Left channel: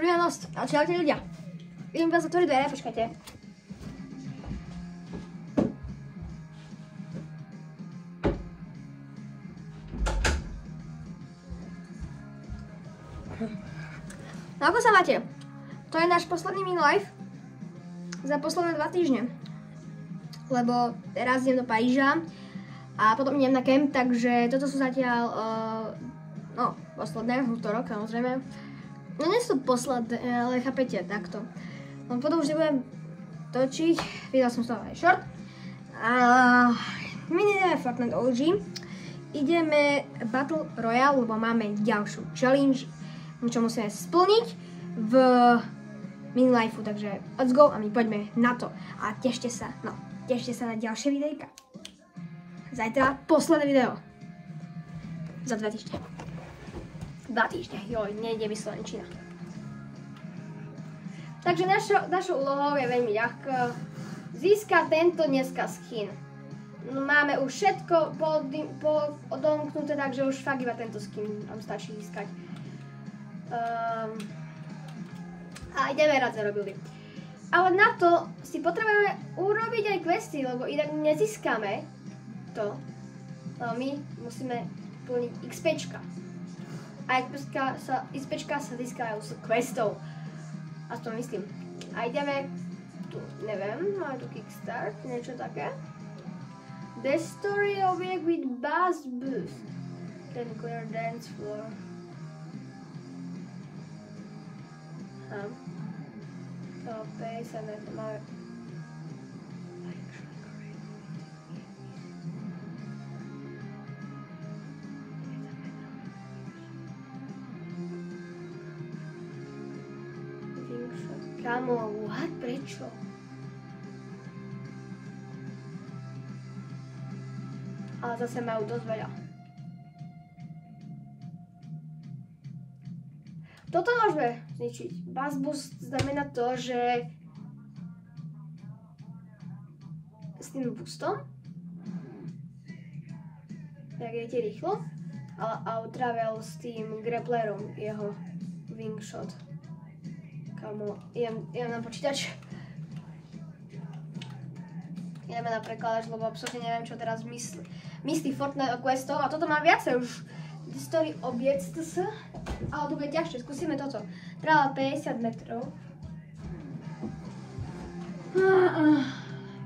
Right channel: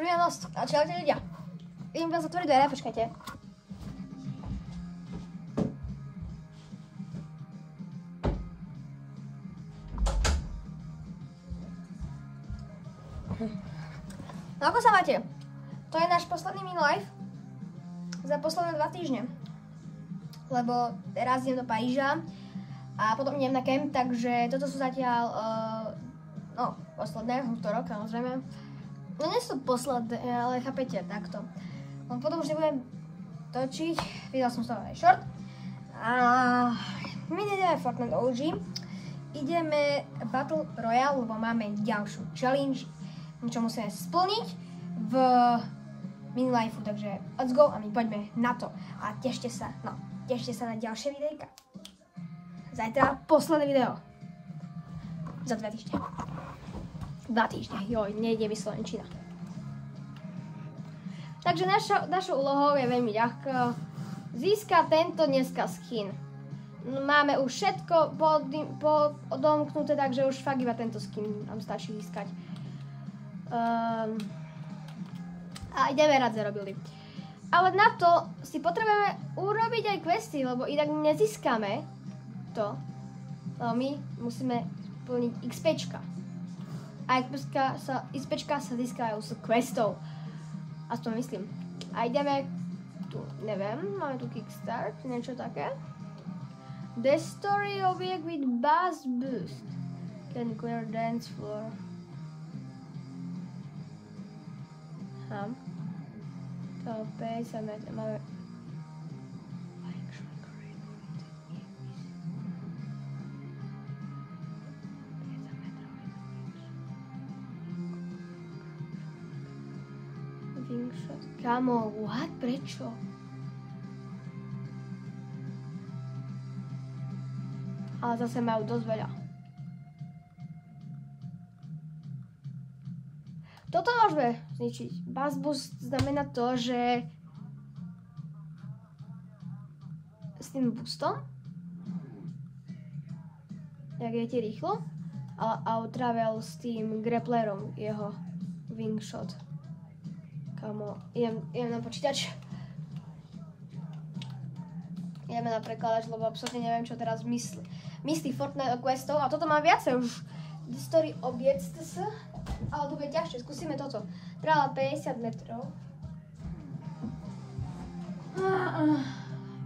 Ochrianosť. Ale čelte ľudia. Idem vás otvoriť dvere, počkajte. No ako sa máte? To je náš posledný mini live za posledné 2 týždne. Lebo teraz idem do Paríža a potom idem na kemp, takže toto sú zatiaľ, no, posledné, útorok samozrejme. No nie sú posledné, ale chápete, takto. No potom už nebudem točiť, vydal som z toho aj short. A my ideme Fortnite OG. Ideme Battle Royale, lebo máme ďalšiu challenge, čo musíme splniť v mini lifeu, takže let's go a my poďme na to. A tešte sa na ďalšie videjka. Zajtra posledné video. Za 2 týždne. 2 týždne, joj, nejde mi slovenčina. Takže našou úlohou je veľmi ľahká. Získať tento dneska skin. Máme už všetko odomknuté, takže už fakt iba tento skin nám stačí získať. A ideme rád zarobili. Ale na to si potrebujeme urobiť aj questy, lebo inak nezískame to. No my musíme plniť XPčka. A XPčka sa získajú z questov. Aspoň myslím. A ideme tu, neviem, máme tu Kickstart, niečo také. The story of it with bass boost. Then clear dance floor. Base and then more. Kamo, what? Prečo? Ale zase majú dosť veľa. Toto môžeme zničiť. Bass boost znamená to, že s tým boostom jak jete rýchlo a travel s tým grapplerom jeho wingshot. Kamo, idem na počítač. Ideme na prekladač, lebo absolútne neviem, čo teraz myslí Fortnite o questov. A toto mám viacej už. The story objects sa. Ale to bude ťažšie, skúsime toto. Trvala 50 metrov.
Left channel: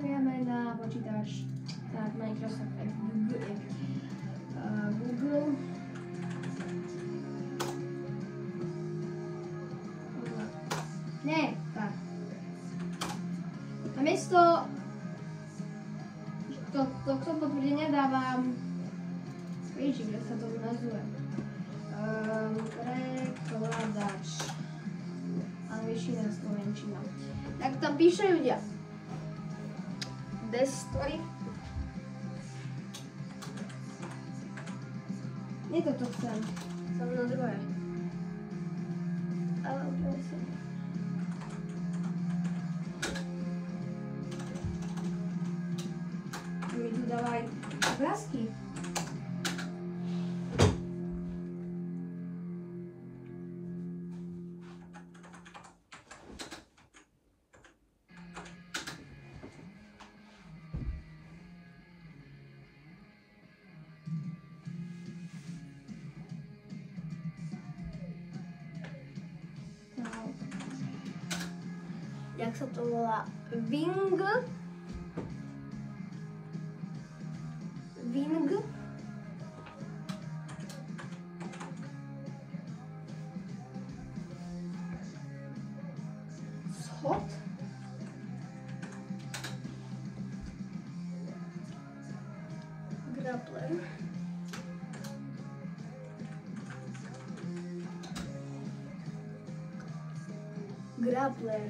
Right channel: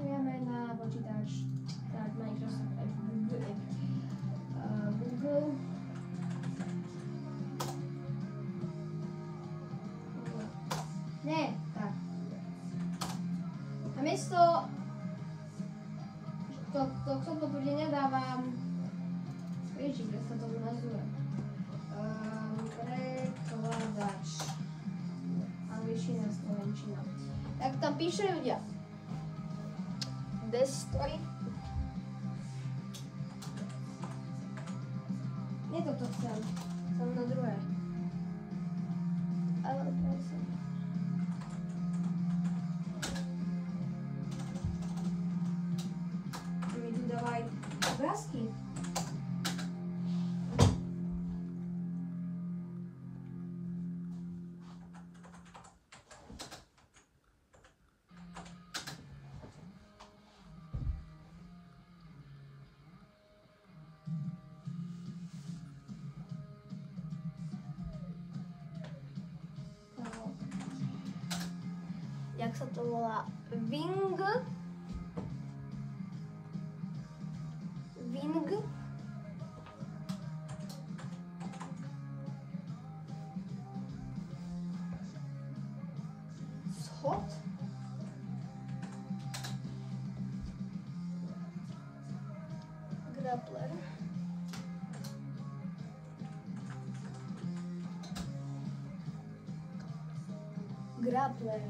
Ideme na počítač. Tak, Microsoft Google. Ne, tak. A miesto tohto potvrdenia dávam Ježiš, kde sa to nazve. Prekladač. Angličtina, slovenčina. Tak tam píše ľudia. The story. Nie toto chcem. Som na druhé. Ale prosím. Mi tu dávajú obrázky. Jak sa to volá? Wing. Schod. Grappler. Grappler.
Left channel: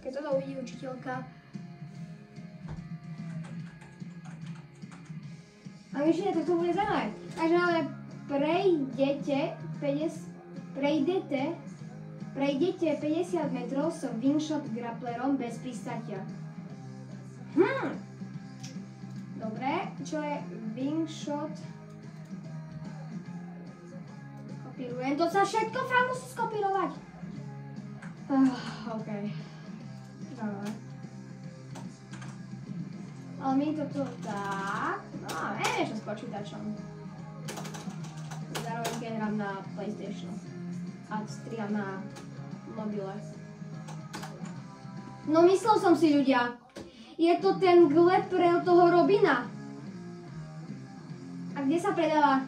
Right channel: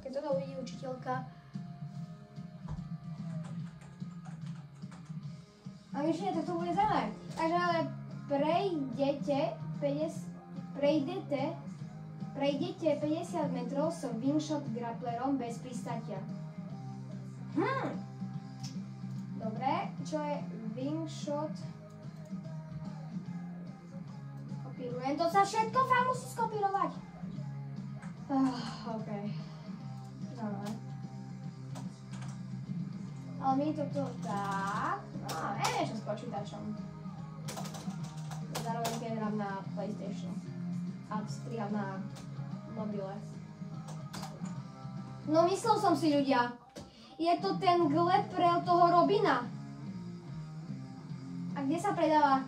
Keď to uvidí učiteľka. A vyššie, tak to bude zaujímavé. Takže ale prejdete Prejdete 50 metrov s wingshot grapplerom bez pristatia. Dobre, čo je wingshot? Kopírujem, to sa všetko fakt musí skopírovať. OK. Dobre. Ale my toto tak, no a vieš s počítačom. Zároveň keď hrám na PlayStation a striham na mobile. No myslel som si, ľudia, je to ten gleprel toho Robina. A kde sa predáva?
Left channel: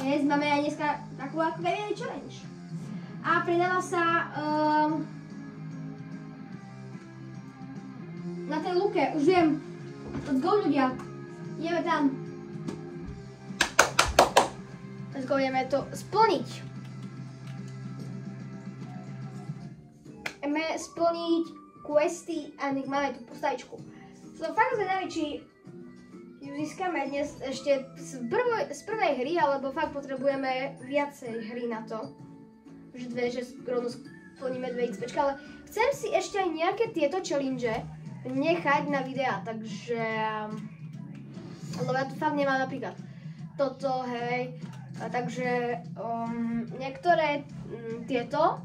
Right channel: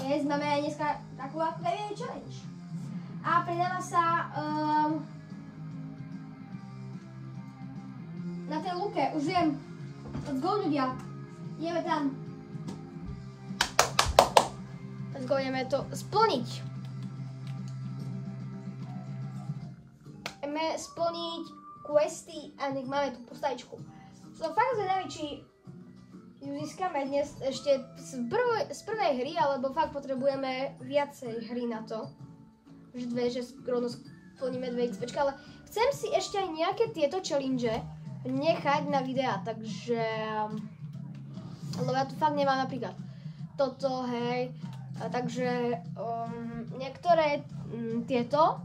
Dnes máme aj dneska takú ako challenge. A predáva sa na tej luke, už viem. Let's go, ľudia. Ideme tam. Let's go, ideme to splniť. Ideme splniť questy a nech máme tú postavičku. Som fakt zvedavý, či ju získame dnes ešte z prvej hry, alebo fakt potrebujeme viacej hry na to. Že rovno splníme 2 XPčka, ale chcem si ešte aj nejaké tieto challenge nechať na videa, takže lebo ja tu fakt nemám napríklad toto, hej, a takže niektoré tieto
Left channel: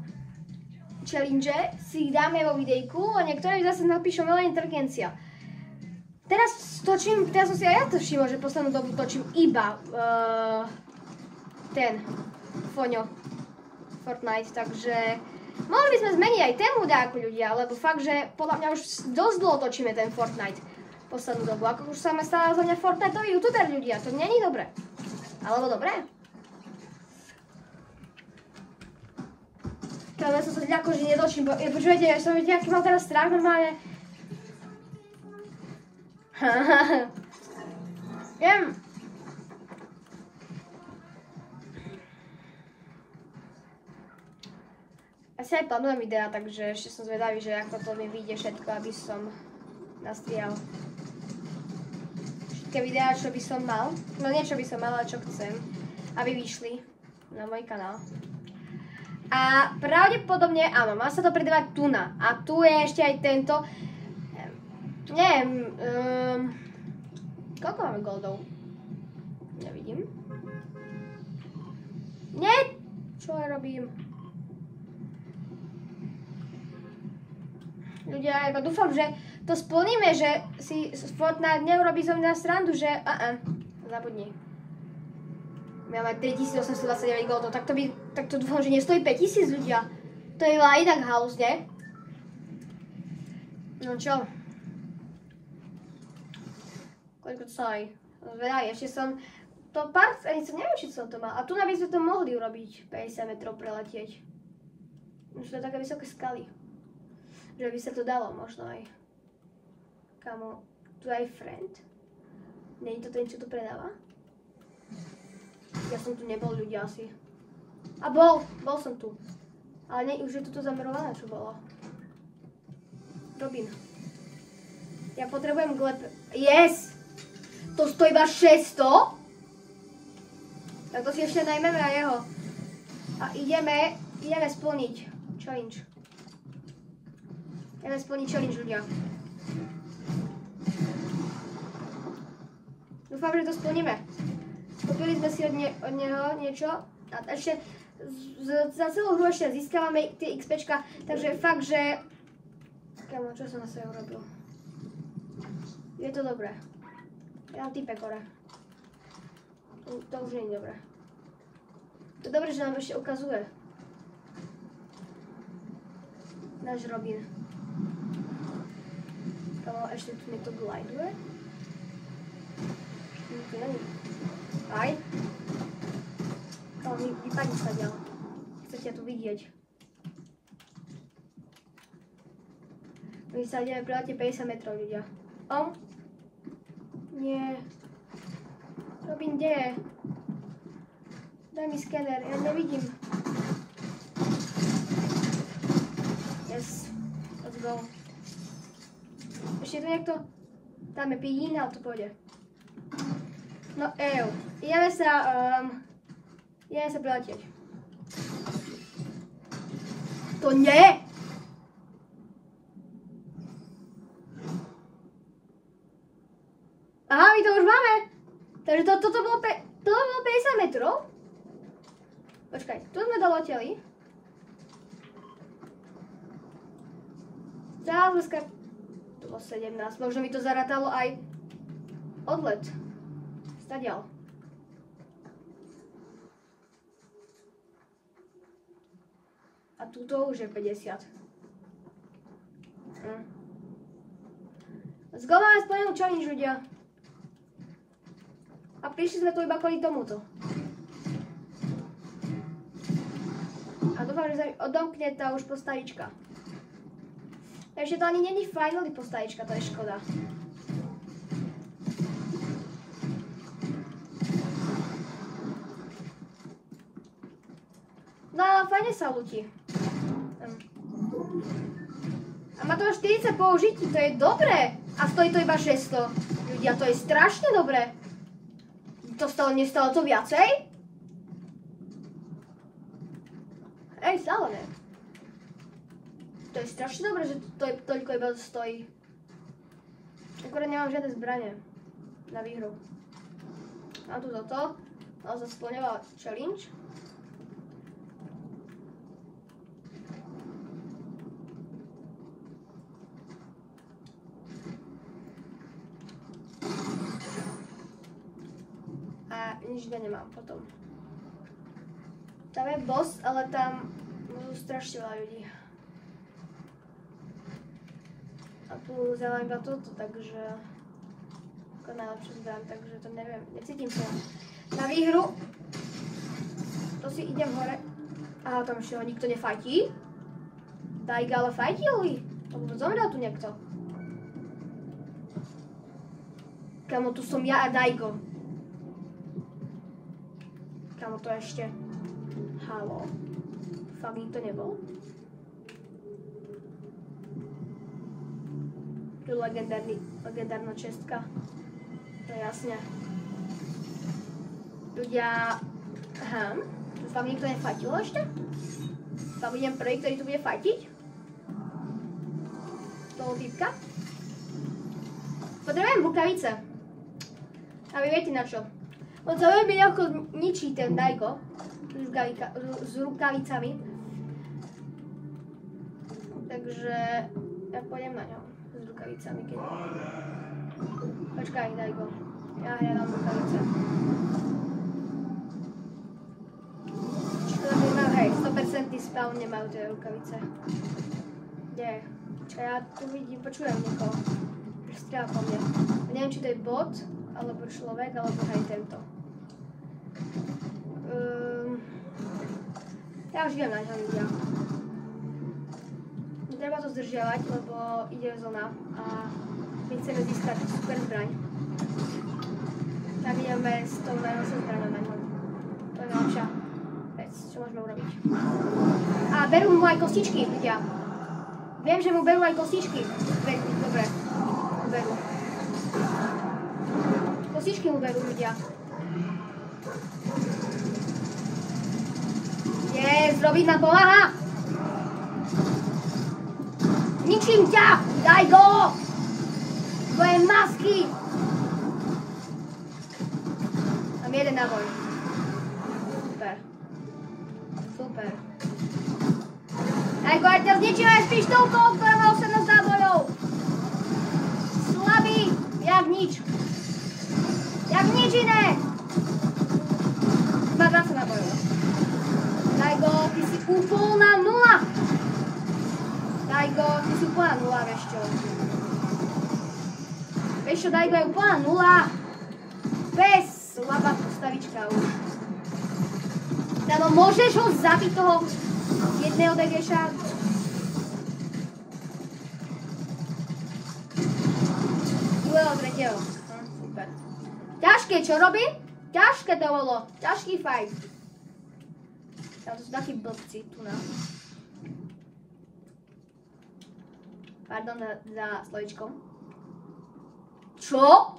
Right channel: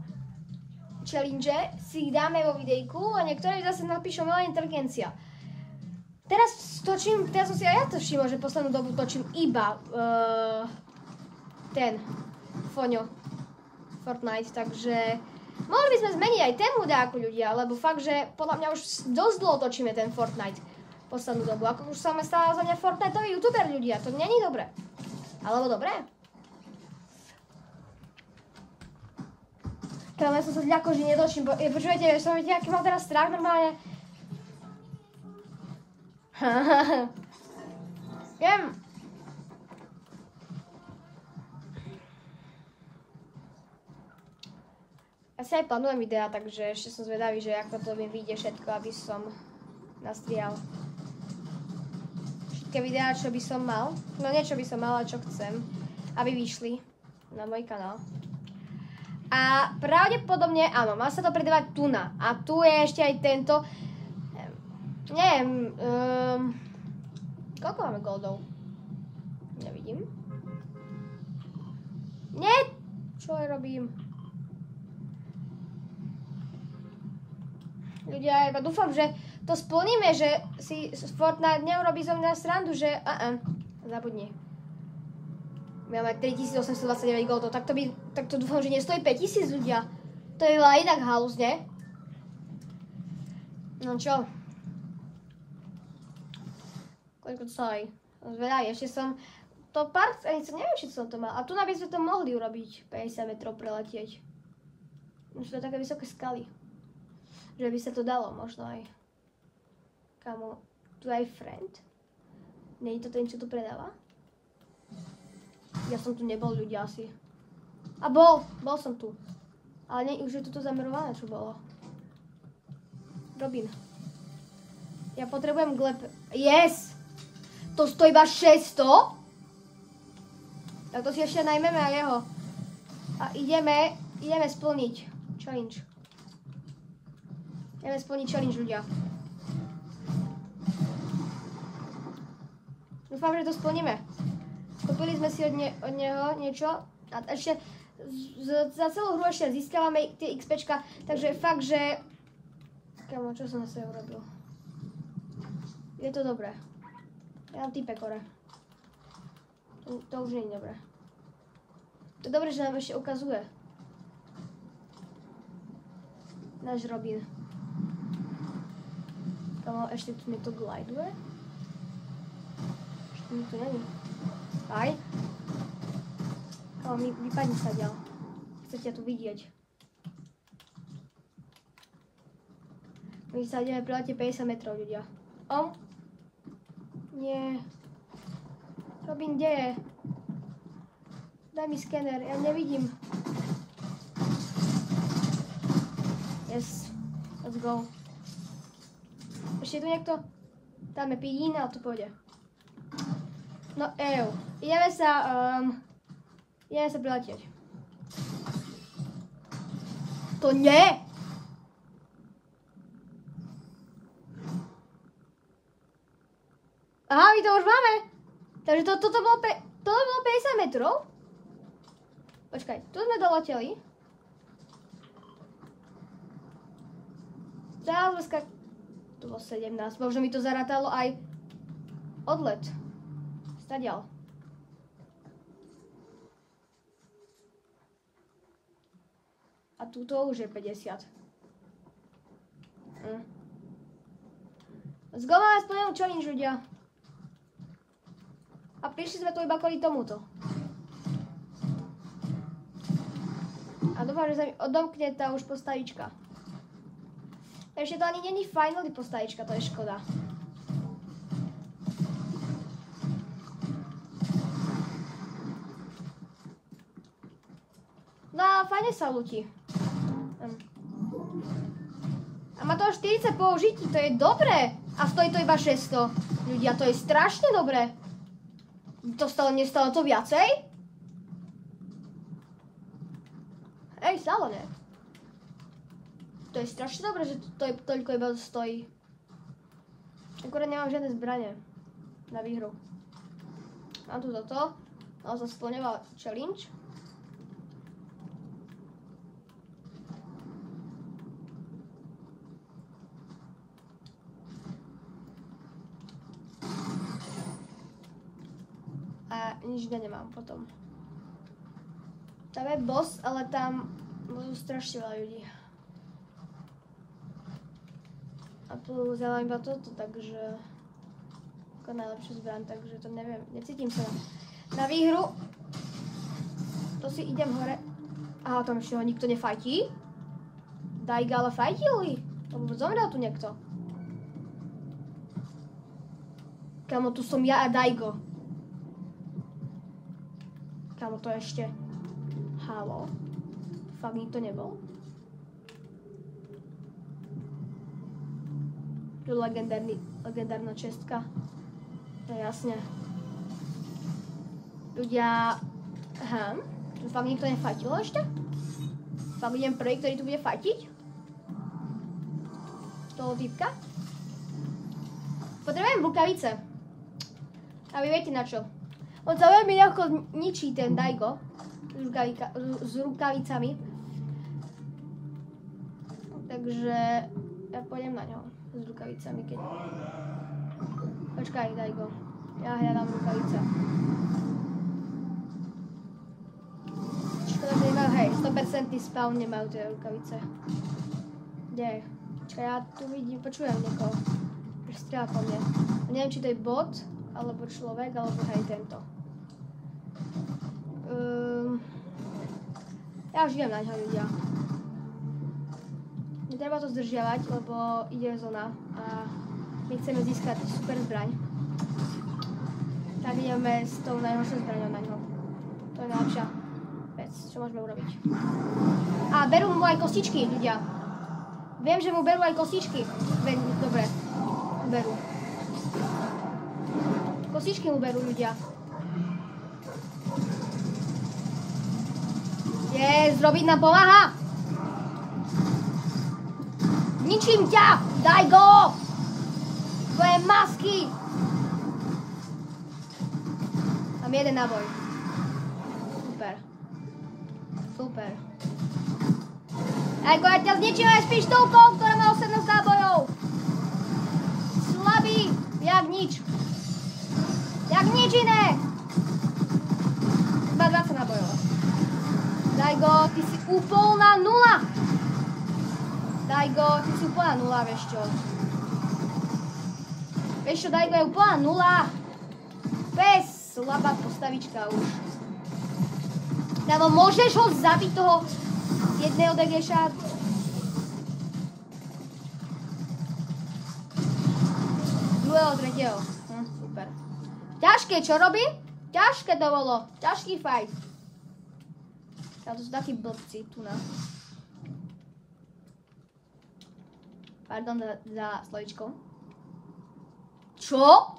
challenge si dáme vo videjku a niektoré zase napíšem umelá inteligencia. Teraz som si aj ja to všimol, že poslednú dobu točím iba ten Foňo Fortnite, takže mohli by sme zmeniť aj tému dáku, ľudia, lebo fakt, že podľa mňa už dosť dlho točíme ten Fortnite poslednú dobu, ako už sa stále za mňa Fortniteový youtuber, ľudia, to není dobré. Alebo dobré? Keď som sa ďako, že nedočím, počujete, ja som videl, aký mal teraz strach normálne. Viem. Ja si aj plánujem videa, takže ešte som zvedavý, že ako to mi vyjde všetko, aby som nastrihal všetky videá, čo by som mal. No nie čo by som mal, ale čo chcem, aby vyšli na môj kanál. A pravdepodobne, áno, má sa to predávať tuna. A tu je ešte aj tento. Neviem, koľko máme goldov? Nevidím. Nie, čo ja robím? Ľudia, ja dúfam, že to splníme, že si Fortnite neurobí zo mňa srandu, že zabudni. Máme 3829 goldov, tak to dúfam, že nestojí 5000, ľudia. To je aj tak halus, ne? No čo? Koľko to sa aj zvedaj, ešte som to pár, neviem, či som to mal. A tu by sme to mohli urobiť, 50 metrov preletieť. Už to také vysoké skaly. Že by sa to dalo možno aj. Kamo, tu aj friend. Nie je to ten, čo to predáva? Ja som tu nebol, ľudia, asi. A bol som tu. Ale nie, už je toto zamerované, čo bolo. Robin. Ja potrebujem gleb... Yes! To stojí iba 600? Tak to si ešte najmeme aj jeho. A ideme splniť challenge. Ideme splniť challenge, ľudia. Dúfam, že to splníme. Kúpili sme si od neho niečo a ešte za celú hru ešte získavame tie XPčka, takže fakt, že... Kámo, čo som asi urobil? Je to dobré. Ja mám týpek hore. To už nie je dobré. To je dobré, že nám ešte ukazuje. Náš Robin. Ešte tu mi to gliduje. Tu není. Aj. Ale mi vypadí sa ďal. Chcete to vidieť. My sa ideme preletieť 50 metrov, ľudia. Nie. Robin, kde je? Daj mi skener, ja nevidím. Yes. Let's go. Ešte tu niekto? Dáme pín a to pôjde. No ideme sa Ideme sa preletieť. To nie! Aha, my to už máme. Takže toto bolo 50 metrov. Počkaj, tu sme doleteli. Tu bolo 17. Možno mi to zarátalo aj odlet. Stadiaľ. A tuto už je 50. Let's go, máme splnenú challenge, ľudia. A prišli sme tu iba kvôli tomuto. A dúfam, že sa mi odomkne tá už postavička. Ešte to ani není finally postavička, to je škoda. No, fajne sa ľudí. A má to 40 použití, to je dobré. A stojí to iba 600. Ľudia, to je strašne dobré. Nestalo to viacej? Ej, stále ne. To je strašne dobré, že to toľko iba stojí. Akurát nemám žiadne zbranie na výhru. Mám tu toto. Naozaj splňovala challenge. Nič nemám potom. Tam je boss, ale tam sú strašne veľa ľudí. A tu vzala iba toto, takže ako najlepšiu zbraň, takže to neviem, necítim sa na výhru. To si idem hore. Aha, tam ešte ho nikto nefajtí. Dajga ale fajtili. Zomrel tu niekto. Kamo, tu som ja a Dajgo. To ešte. Halo. Fakt nikto nebol. Tu legendárna čestka. To je jasne. Ľudia. Aha. Fakt nikto nefatilo ešte? Fakt idem prvý, ktorý tu bude fatiť? Toho typka. Potrebujem rukavice. A vy viete na čo? On sa veľmi ľahko ničí ten Dajgo s rukavicami. Takže ja pôjdem na ňom s rukavicami. Počkaj, Dajgo. Ja hľadám rukavice. Škoda, nemajú, hej, 100% spawn nemajú tie rukavice. Nie. Čo ja tu vidím, počujem to. Že strieľa po mne. Neviem, či to je bot, alebo človek, alebo aj tento. Ja už idem na ňa, ľudia. Netreba to zdržiavať, lebo ide zóna a my chceme získať super zbraň. Tak ideme s tou najhoršou zbraňou na ňu. To je najlepšia vec, čo môžeme urobiť. A berú mu aj kostičky, ľudia. Viem, že mu berú aj kostičky. Dobre, berú. Kostičky mu berú, ľudia. Zrobiť nám pomáha! Ničím ťa! Daj go! Tvoje masky! Mám jeden náboj. Super. Super. Daj go, ja ťa zničím aj s pištolkou, ktorá má 18 nábojov! Slabý! Jak nič! Jak nič iné! Má 20 nábojov. Dajgo, ty si úplná nula! Dajgo, ty si úplná nula, vieš čo? Vieš čo, Dajgo je úplná nula! Bez slabá postavička už. Damo, môžeš ho zabiť toho jedného degeša? Druhého, tretieho. Super. Ťažké, čo robí? Ťažké to bolo. Ťažký fight. Ale to sú takí blbci tu na. Pardon za slovičkom. Čo?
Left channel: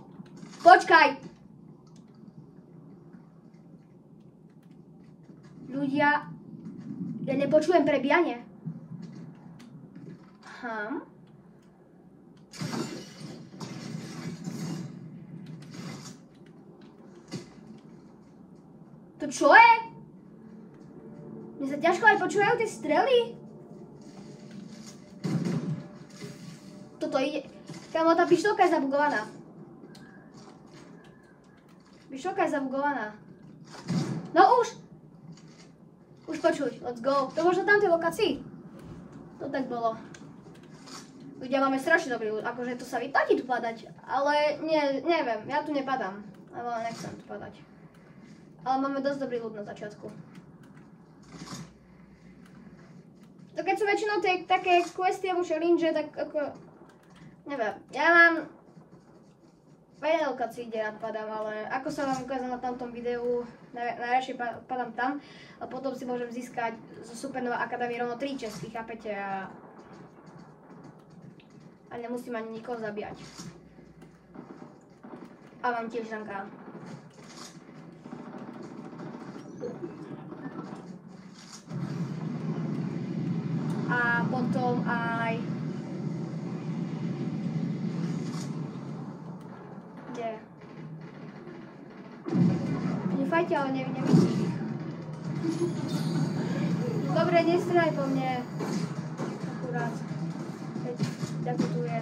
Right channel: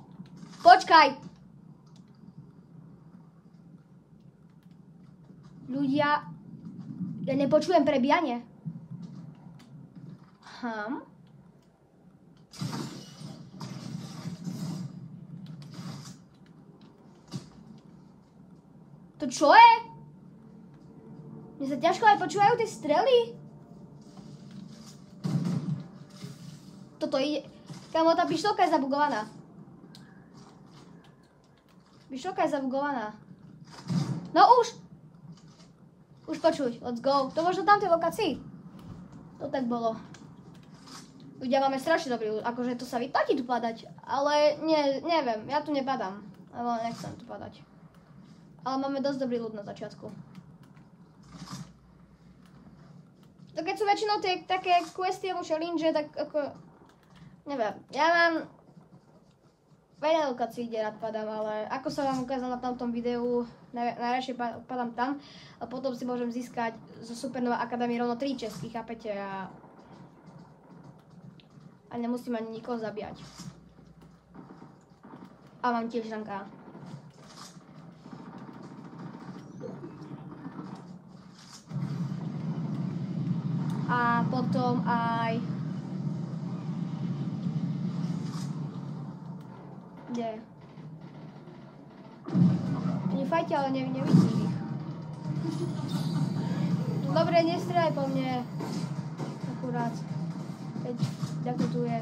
Počkaj! Ľudia, ja nepočujem prebíjanie. To čo je? Mne sa ťažko aj počúvajú tie strely. Toto ide... Kámo, tá pištolka je zabugovaná. Pištolka je zabugovaná. No už! Už počuť, let's go. To možno tam tej lokácii. To tak bolo. Ľudia, máme strašne dobrý ľud, akože to sa vyplatí tu padať. Ale neviem, ja tu nepadám. Lebo nechcem tu padať. Ale máme dosť dobrý ľud na začiatku. To keď sú väčšinou tie také questy alebo challenge, tak ako... Neviem, ja mám... Veľa lokácií, kde rád padám, ale ako sa vám ukázalo na tamtom videu, najradšej padám tam a potom si môžem získať zo Supernova Academy rovno 3 česky, chápete? A nemusím ani nikoho zabíjať. A mám tiež žanka. A potom aj... Ale nevidím ich. Dobre, nestrieľaj po mne. Akurát. Ťa to tu je.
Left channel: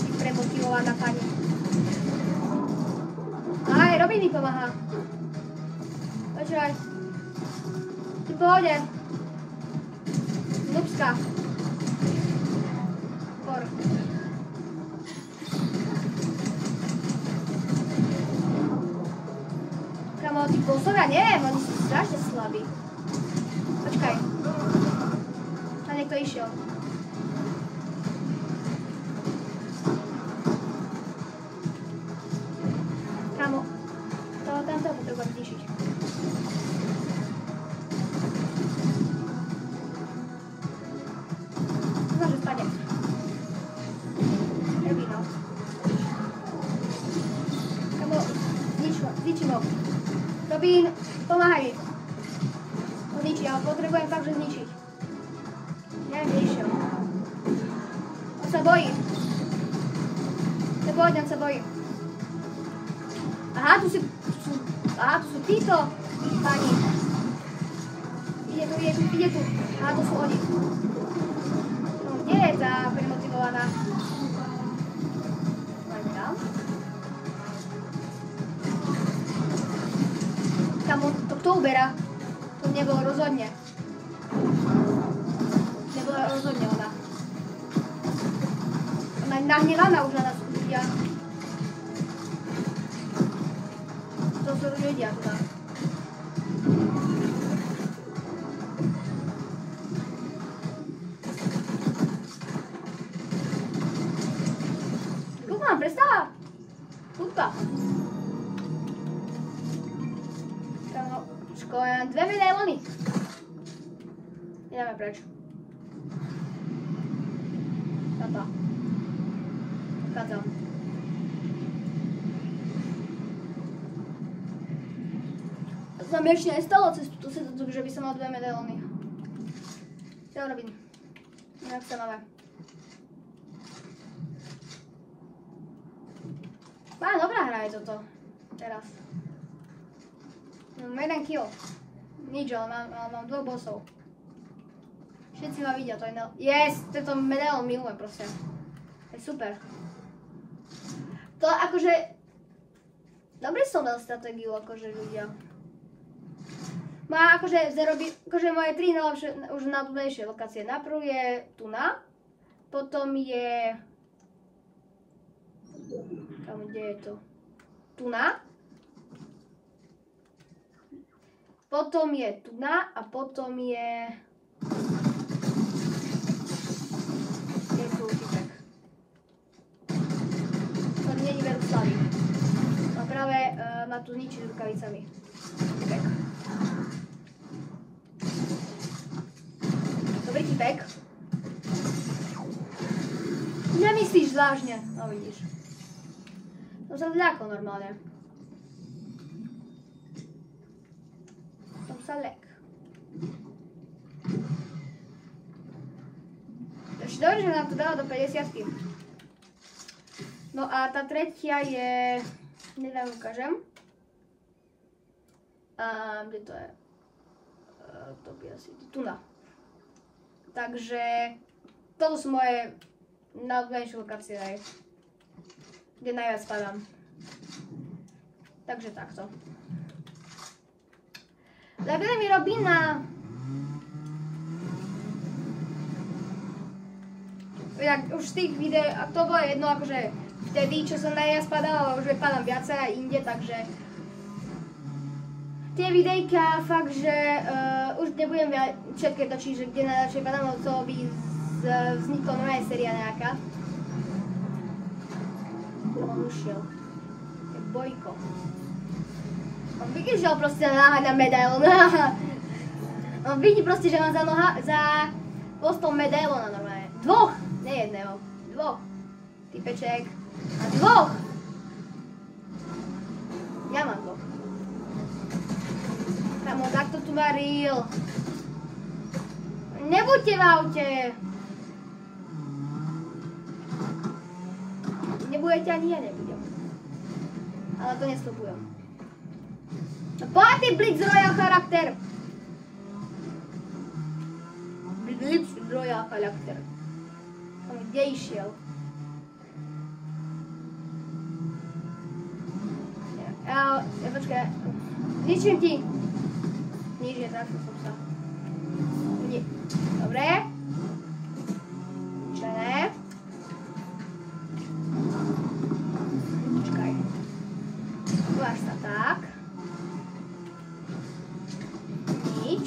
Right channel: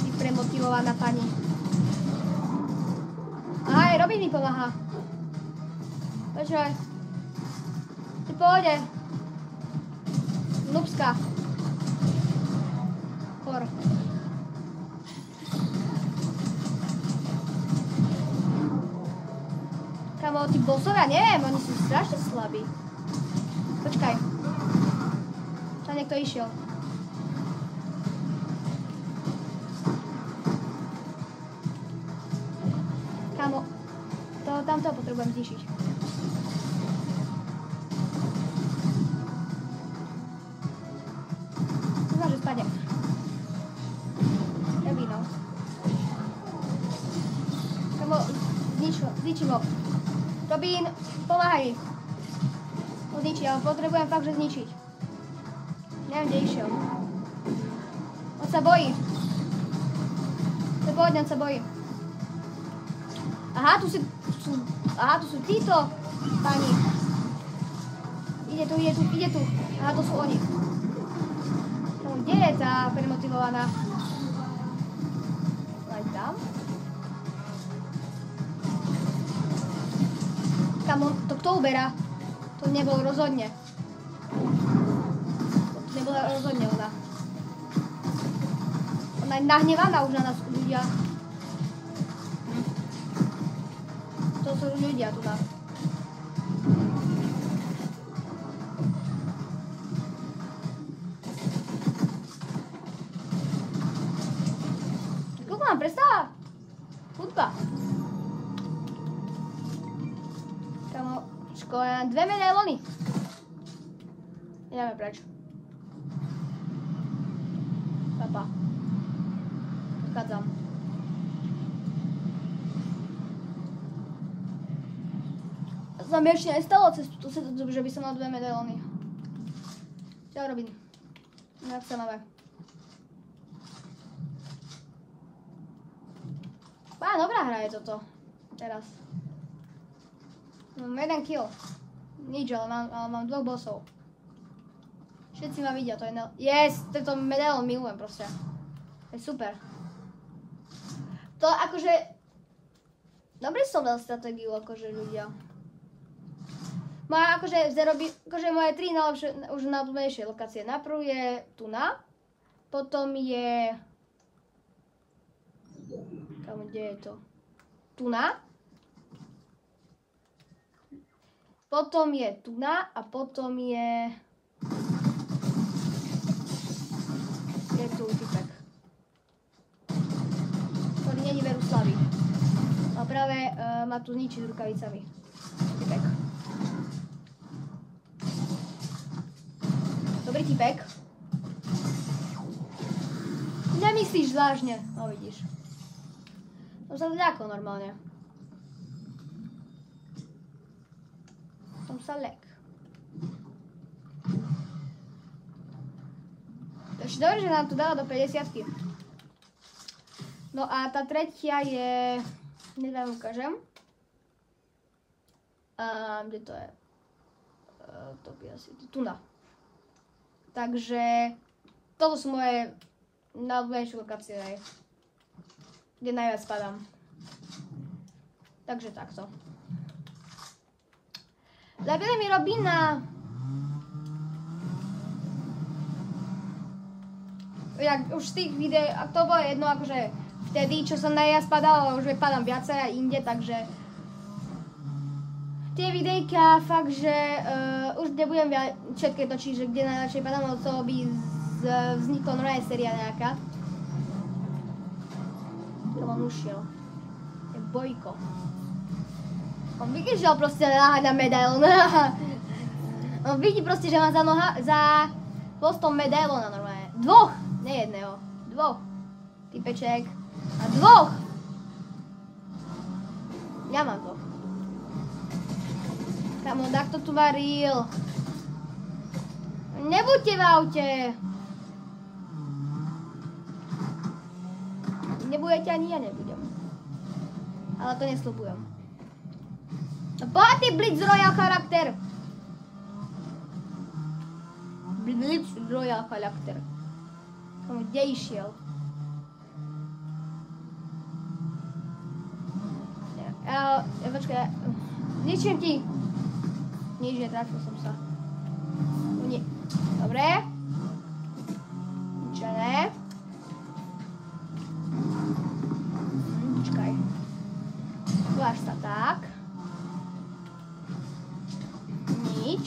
Ich premotivovať na pani. Aj, Robin mi pomáha. Počkaj. Ty pohode. Nubska. Por. Kamo, tí bossovia, neviem, oni sú strašne slabí. Počkaj. Tam niekto išiel. Kamo, tamto potrebujem zničiť. Dúfam, že spadne. Robino. Kamo, zničím ho. Robin, pomáhaj. To zničí, ale potrebujem fakt, že zničiť. Neviem, kde išiel. On sa bojí. On sa bojí. Aha, tu sú títo pani. Ide tu. Aha, tu sú oni. Kde je tá premotivovaná? To kto uberá? To nebol rozhodne. Nebola rozhodne ona. Ona je nahnevaná už na nás ľudia. To sú ľudia. Koľko mám prestala? Kľudka. Len 2 medailony. Ideme preč. Papa. Vchádzam. To sa mi ešte nestalo cez túto setu, že by som mal 2 medailony. Čo robím? Jak sa máme? Dobrá hra je toto. Teraz. Mám 1 kill. Nič, ale mám 2 bossov. Všetci ma vidia, to je... Yes! Tento medailon milujem proste. To je super. To akože... Dobre som dal stratégiu, akože ľudia. Má akože akože moje 3 najlepšie, už najobľúbenejšie lokácie. Najprv je Tuna. Potom je... Kde je to? Tuna. Potom je Tuna a potom je... Je tu typek. On nie je Veruslavy. A práve ma tu zničí rukavicami. Typek. Dobrý typek. Nemyslíš vážne? No vidíš. To sa zľakol normálne. som sa lek. Ešte dobre, že nám to dalo do 50-ky. No a tá tretia je... Neviem, ukážem. A kde to je? To by asi... Tuna. Takže... Toto sú moje najobľúbenejšie lokácie, kde najviac spadám. Takže takto. Tak kde mi robí na... Jak už z tých videí, a to bolo jedno akože vtedy, čo som najviac padal, ale už padám viacej aj inde, takže... Tie videjka fakt, že už nebudem všetké točiť, že kde najlepšie padám, od toho by vznikla nová séria nejaká. On ušiel. Je Bojko. On vykyžil proste na medailón. On vidí proste, že má za postom medailóna normálne. Dvoch! Nie jedného. Dvoch. Typeček. A dvoch! Ja mám dvoch. Tam on takto tu varil. Nebuďte v aute. Nebudete ani jeden, budem. Ale to nesľubujem. Poď ty Blitz Royal charakter. Blitz Royal charakter. Som kde išiel? Počkaj. Ničím ti. Nič, netrafil som sa. Dobre. Ničené. Počkaj. Tvář sa tak. Nič.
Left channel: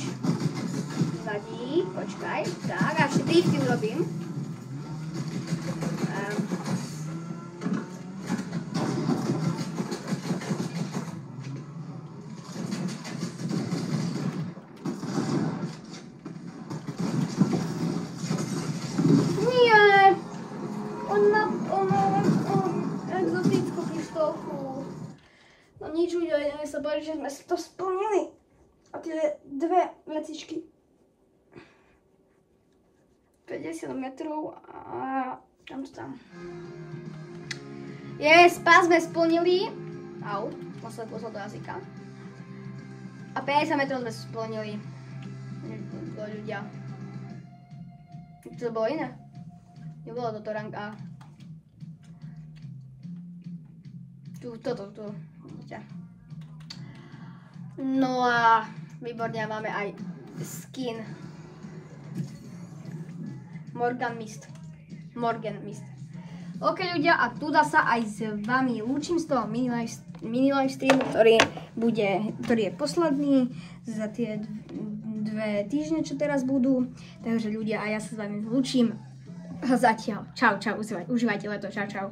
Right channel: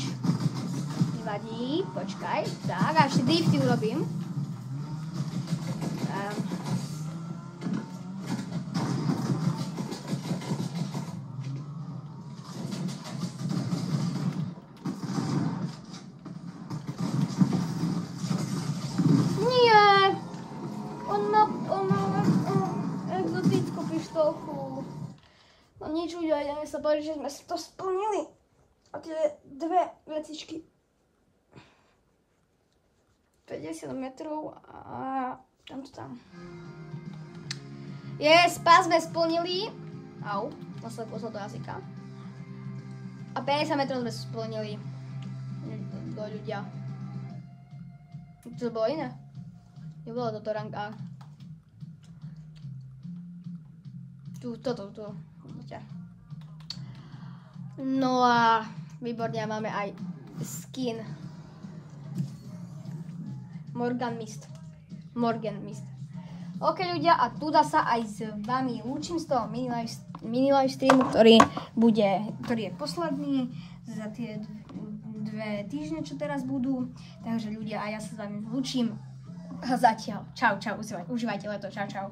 Vadí. Počkaj. Tak, a ešte drifty urobím. Nič udiali, ja sa bojím, že sme si to splnili. A tie dve vecičky. 50 metrov a tam to tam. Pás sme splnili. Au, nasledlo som do jazyka. A 50 metrov sme splnili. Ľudia. Čo to bolo iné? Nebolo toto rank A. Toto. No a výborne, máme aj skin Morgan Mist. Ok ľudia, a tuda sa aj s vami lúčim z toho mini live streamu, ktorý je posledný za tie 2 týždne, čo teraz budú. Takže ľudia, a ja sa s vami lúčim zatiaľ. Čau, užívajte leto, čau.